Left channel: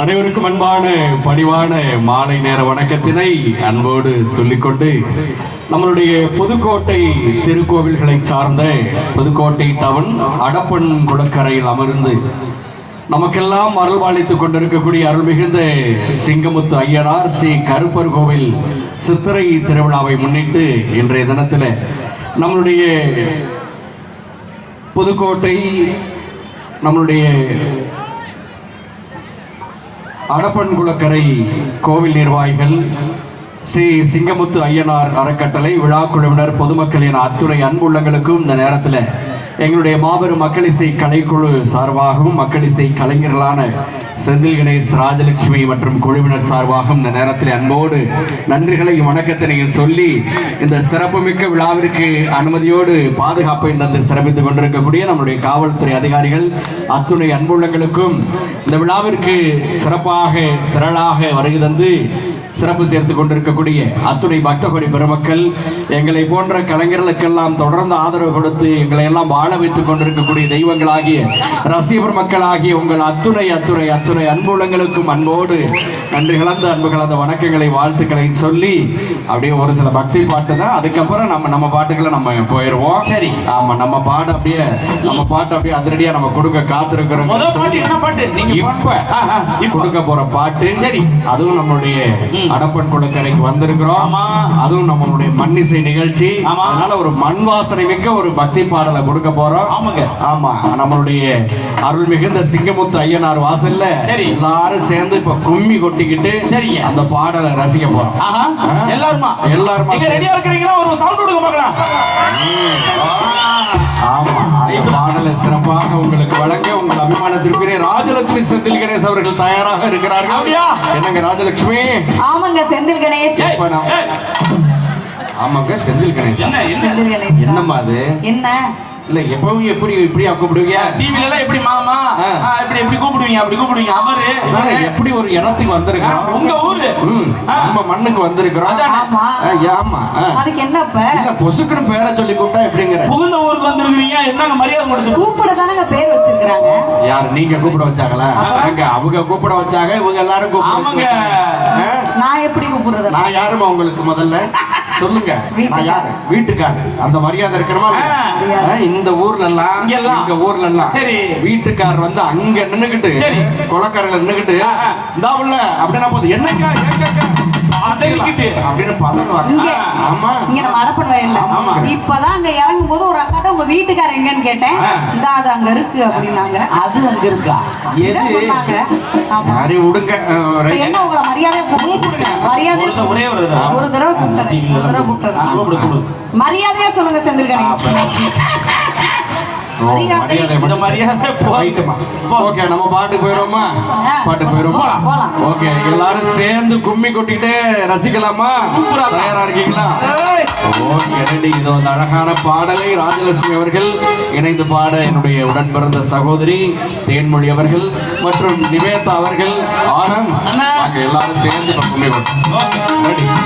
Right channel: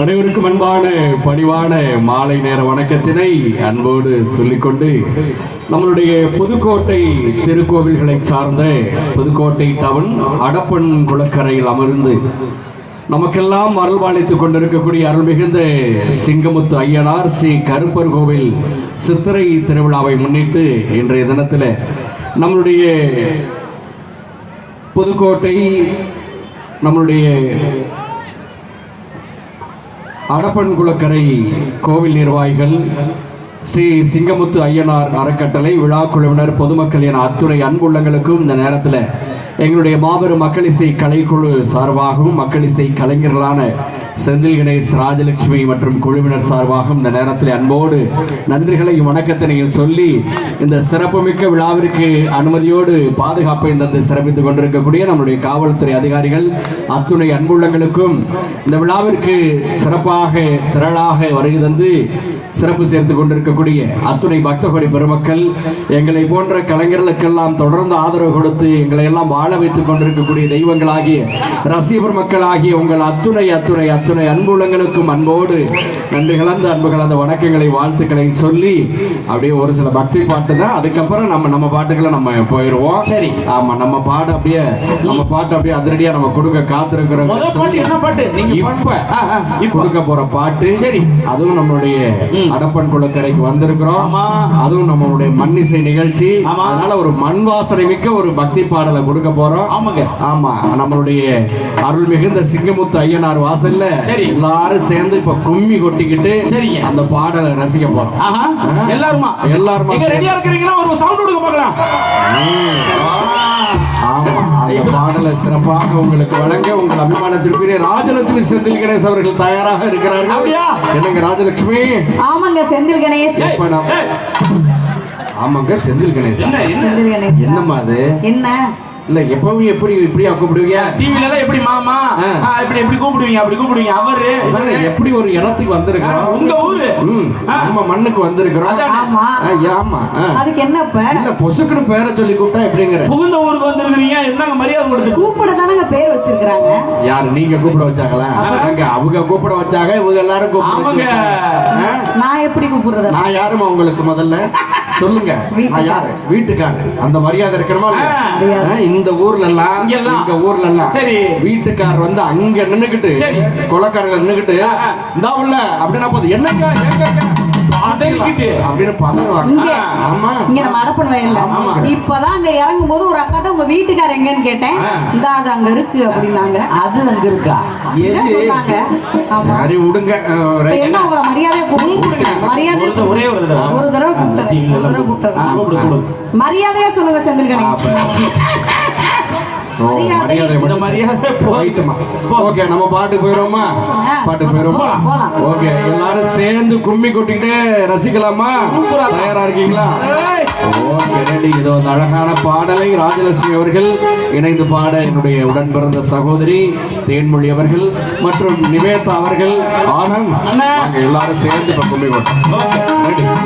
அனைவருக்கும் அன்பான பணிவான மாலை நேர வணக்கத்தினை அன்போடு சொல்லிக்கொண்டு நம்மளுடைய புதுக்கோட்டை திருக்கோவில்களை சார்ந்த புதுக்கோட்டை டவுன் அடப்பன் குளக்கரையில் அமர்ந்து நமக்கெல்லாம் அருள்வாளித்துக் கொண்டிருக்கக்கூடிய அருள்மிகுந்த சிங்கமுத்து ஐயனார் ஸ்ரீ கருப்பர் கோவில் சித்திரை திருவிழாவை முன்னிட்டு இன்றைய தினத்தில் நம்மளுடைய புதுக்கோட்டை நம்மளுடைய அடப்பன் குளக்கரை கோவில் நிர்வாகிகள் ஸ்ரீ சிங்கமுத்து ஐயனார் அறக்கட்டளை விழா குழுவினர் பொதுமக்கள் என அத்துறை அன்புள்ளங்களுக்கும் இந்த நேரத்தில் எங்களுடைய மாபெரும் மக்களிசை கலைக்குழு சார்பாகவும் மக்களிசை கலைஞர்களான செந்தில் கணேஷ் ராஜலட்சுமி மற்றும் குழுவினர் சார்பாகவும் இந்த நேரத்தில் அன்போடு நன்றிகளையும் வணக்கத்தினையும் சொல்லி இந்த சிறப்புமிக்க விழாவிற்கு அனுமதியோடு பாதுகாப்பை தந்து சிறப்பித்துக் கொண்டிருக்கக்கூடிய நம்முடைய காவல்துறை அதிகாரிகள் அத்துணை அன்புள்ளங்களுக்கும் இந்த விழாவிற்கு சிறப்பாக திரளாக வருகை தந்து சிறப்பு சேர்த்துக் கொண்டிருக்கக்கூடிய அத்துணை பக்தகோடி பெருமக்கள் எங்களை போன்ற கலைஞர்களுக்கெல்லாம் தொடர்ந்து ஆதரவு கொடுத்து எங்களை எல்லாம் வாழ வைத்துக் கொண்டிருக்கக்கூடிய தெய்வங்களாகிய ரசிகர் மக்களாகிய உங்கள் அத்துணை அத்துணை அத்துணை அன்புள்ளங்களுக்கும் அன்போடு நன்றி கலந்த அன்பு கலந்த வணக்கங்களை வாழ்த்துக்களை சொல்லி அப்படியே ஒரு சில பக்தி பாட்டு தான். அதுக்கப்புறம் நம்ம பாட்டுகளை நம்ம போயிடுவோம். சரி, ஆமா, நம்ம பாட்டு அப்படியே அதிரடியா நம்ம கொடுக்க காத்திருக்கிறோம். இப்ப கொடுக்க போற பாட்டு சரி, அதுவும் நம்மளுடைய அடப்பன் குளக்கரைக்கு வந்திருக்கிறோம். அதுவும் நம்மளுடைய மண்ணிசை நிகழ்ச்சி. அதனால ஒரு மண் வாசனை மிக்க ஒரு பக்தி பாடலை கொடுக்க போறோம். ஆமா, நம்மளுடைய அருள் மிகுந்த சிங்கமுத்து ஐயனார் வாசல்ல எல்லாரும் சேர்ந்து இப்ப கும்மி கொட்டிக்கிட்டு சரி அந்த பாடலை ரசிக்க போறோம். எல்லாரும் ரெடியா இருக்கிறீங்களா? ஒரு சவுண்ட் கொடுக்க பார்க்கலாம். பாடலை சிறப்பாக உங்களுக்கு வழங்க உங்கள் அபிமானத்திற்குரிய ராஜலட்சுமி செந்தில் கணேஷ் அவர்கள் தயாராக இருக்கிறார்கள். என்னங்க ராஜலட்சுமி? ஆமாங்க செந்தில் கணேஷ். ஆமாங்க செந்தில் கணேஷ். என்னம்மா அது? என்ன இல்ல எப்பவும் எப்படி கூப்பிடுவீங்க? டிவில எல்லாம் எப்படி மாமா எப்படி கூப்பிடுவீங்க? அப்படி கூப்பிடுவீங்க. அவரு எப்படி ஒரு இடத்துக்கு வந்திருக்கோம், உங்க ஊரு நம்ம மண்ணுக்கு வந்திருக்கிறோம். ஆமா, அதுக்கு என்னப்ப இல்ல பொசுக்குன்னு பேரை சொல்லி கூப்பிட்டா எப்படிங்கிற புகுந்த ஊருக்கு வந்திருக்கீங்க. என்னங்க மரியாதை கொடுத்து கூப்பிட தானங்க பேர் வச்சிருக்காங்க. யார் நீங்க கூப்பிட வச்சாங்களா? அவங்க கூப்பிட வச்சாங்க, இவங்க எல்லாரும் கூப்பிடுவாங்க. நான் எப்படி கூப்பிடுறது? நான் யாருமா உங்களுக்கு? முதல்ல சொல்லுங்க, நான் யாரு? வீட்டுக்காரர். அந்த மரியாதை இருக்கணுமா? இந்த ஊர்ல எல்லாம் சரி, வீட்டுக்காரர் வந்து அங்க நின்னுகிட்டு கொலக்காரல நின்னுகிட்டு இந்த உள்ள அப்படின்னா போதும் என்னங்க இப்பதான் அங்க இறங்கும் போது ஒரு அக்காட்ட உங்க வீட்டுக்காரர் எங்கன்னு கேட்டேன். அது அங்க இருக்கு அப்படின்னாங்க. அது அங்க இருக்கா? சரி விடுங்க. என்ன உங்களை மரியாதை ஒரு தடவை மரியாதையா சொல்லுங்க செந்தில் கணேஷ். நம்ம பாட்டு போயிடுவோமா? ஓகே, எல்லாரும் சேர்ந்து கும்மி கொட்டிட்டு ரசிக்கலாமா? தயாரா இருக்கீங்களா? ஓகே, இது வந்து அழகான பாடலை ராஜலட்சுமி அவர்கள் இணைந்து பாட என்னுடைய உடன் பிறந்த சகோதரி தேன்மொழி அவர்கள் மற்றும் நிவேதா அவர்கள் ஆனந்த் எல்லாரும் சேர்ந்து கும்மி கொட்டி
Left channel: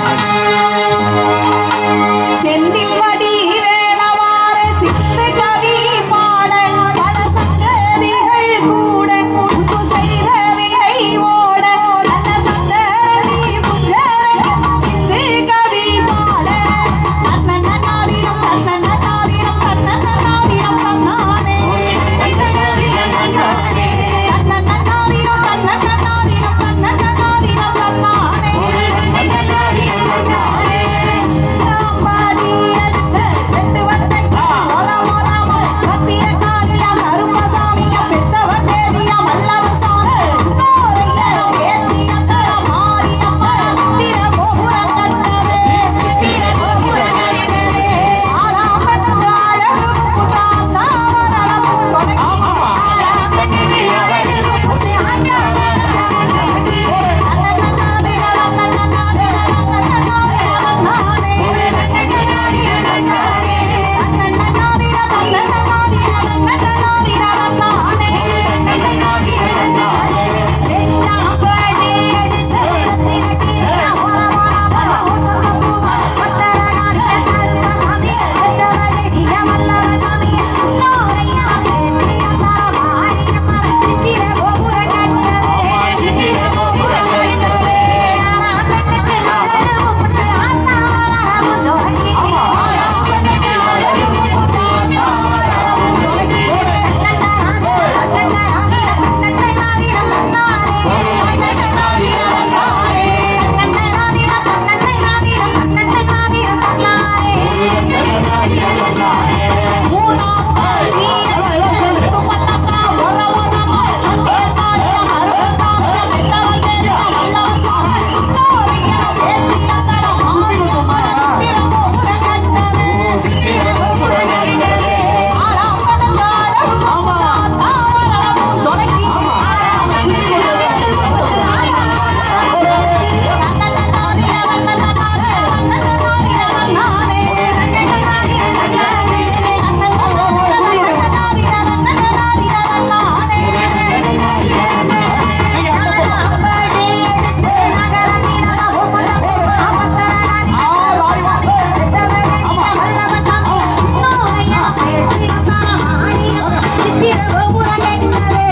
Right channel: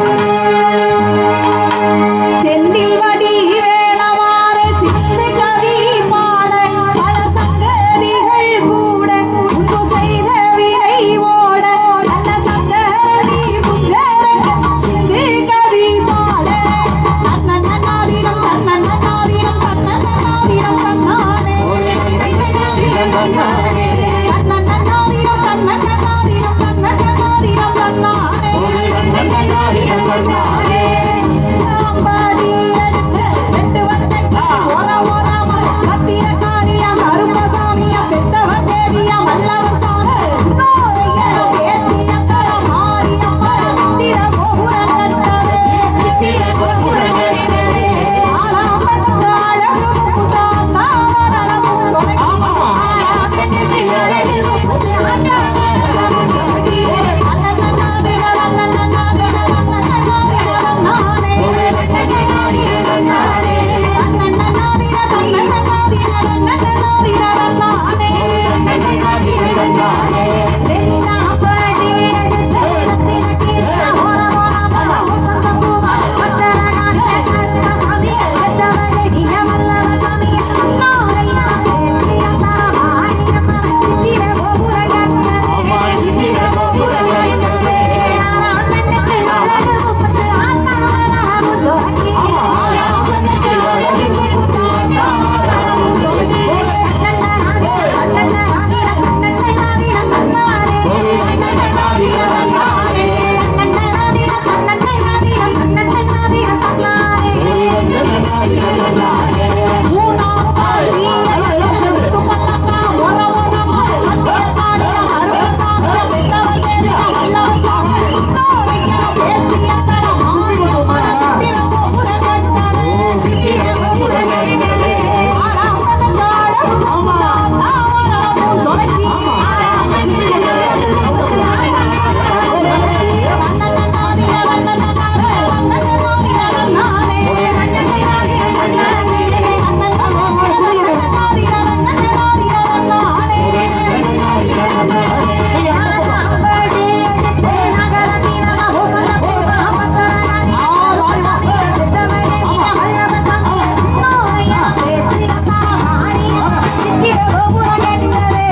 Yeah. கேட்கவே